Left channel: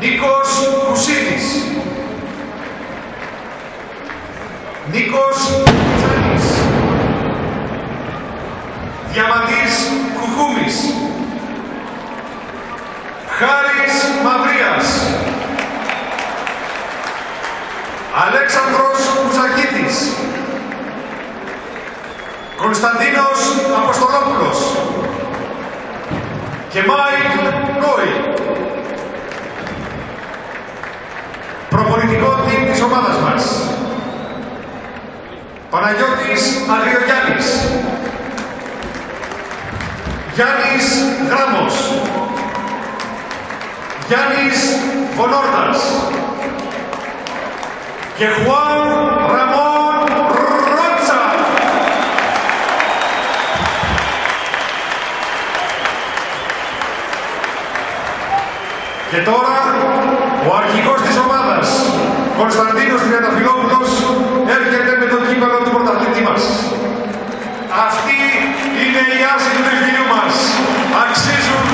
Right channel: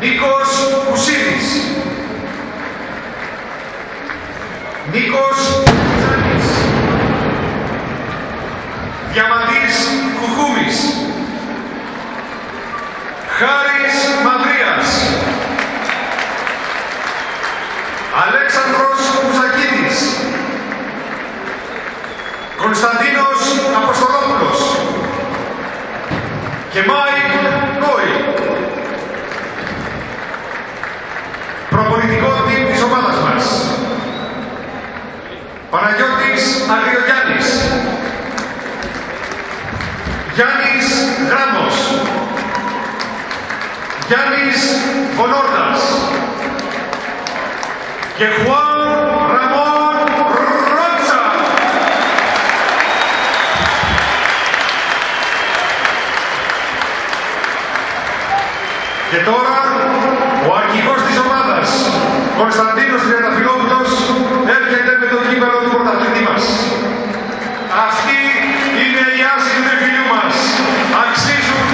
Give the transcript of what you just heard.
Νίκος Κουσίδης. Νίκος Κουσάνης. Διαμαντής Κουκούμης. Χάρης Μαυρίας. Αλέξανδρος Μουζακίτης. Κωνσταντίνος Αποστολόπουλος. Και Μάικ Νόι. Προπονητικό team της ομάδας μας. Παναγιώτης Αγριογιάννης. Γιάννης Γράμμος. Γιάννης Βονόρδας. Και Χουάν Ραμόν Ρότσα. Και τώρα ο αρχηγός της ομάδας, Κωνσταντίνος Τριανταφυλόπουλος, έρχεται με το κύπελλο του πρωταθλητή μας. Αυτή είναι η άση του νεφιλιού μας. Αξίζουν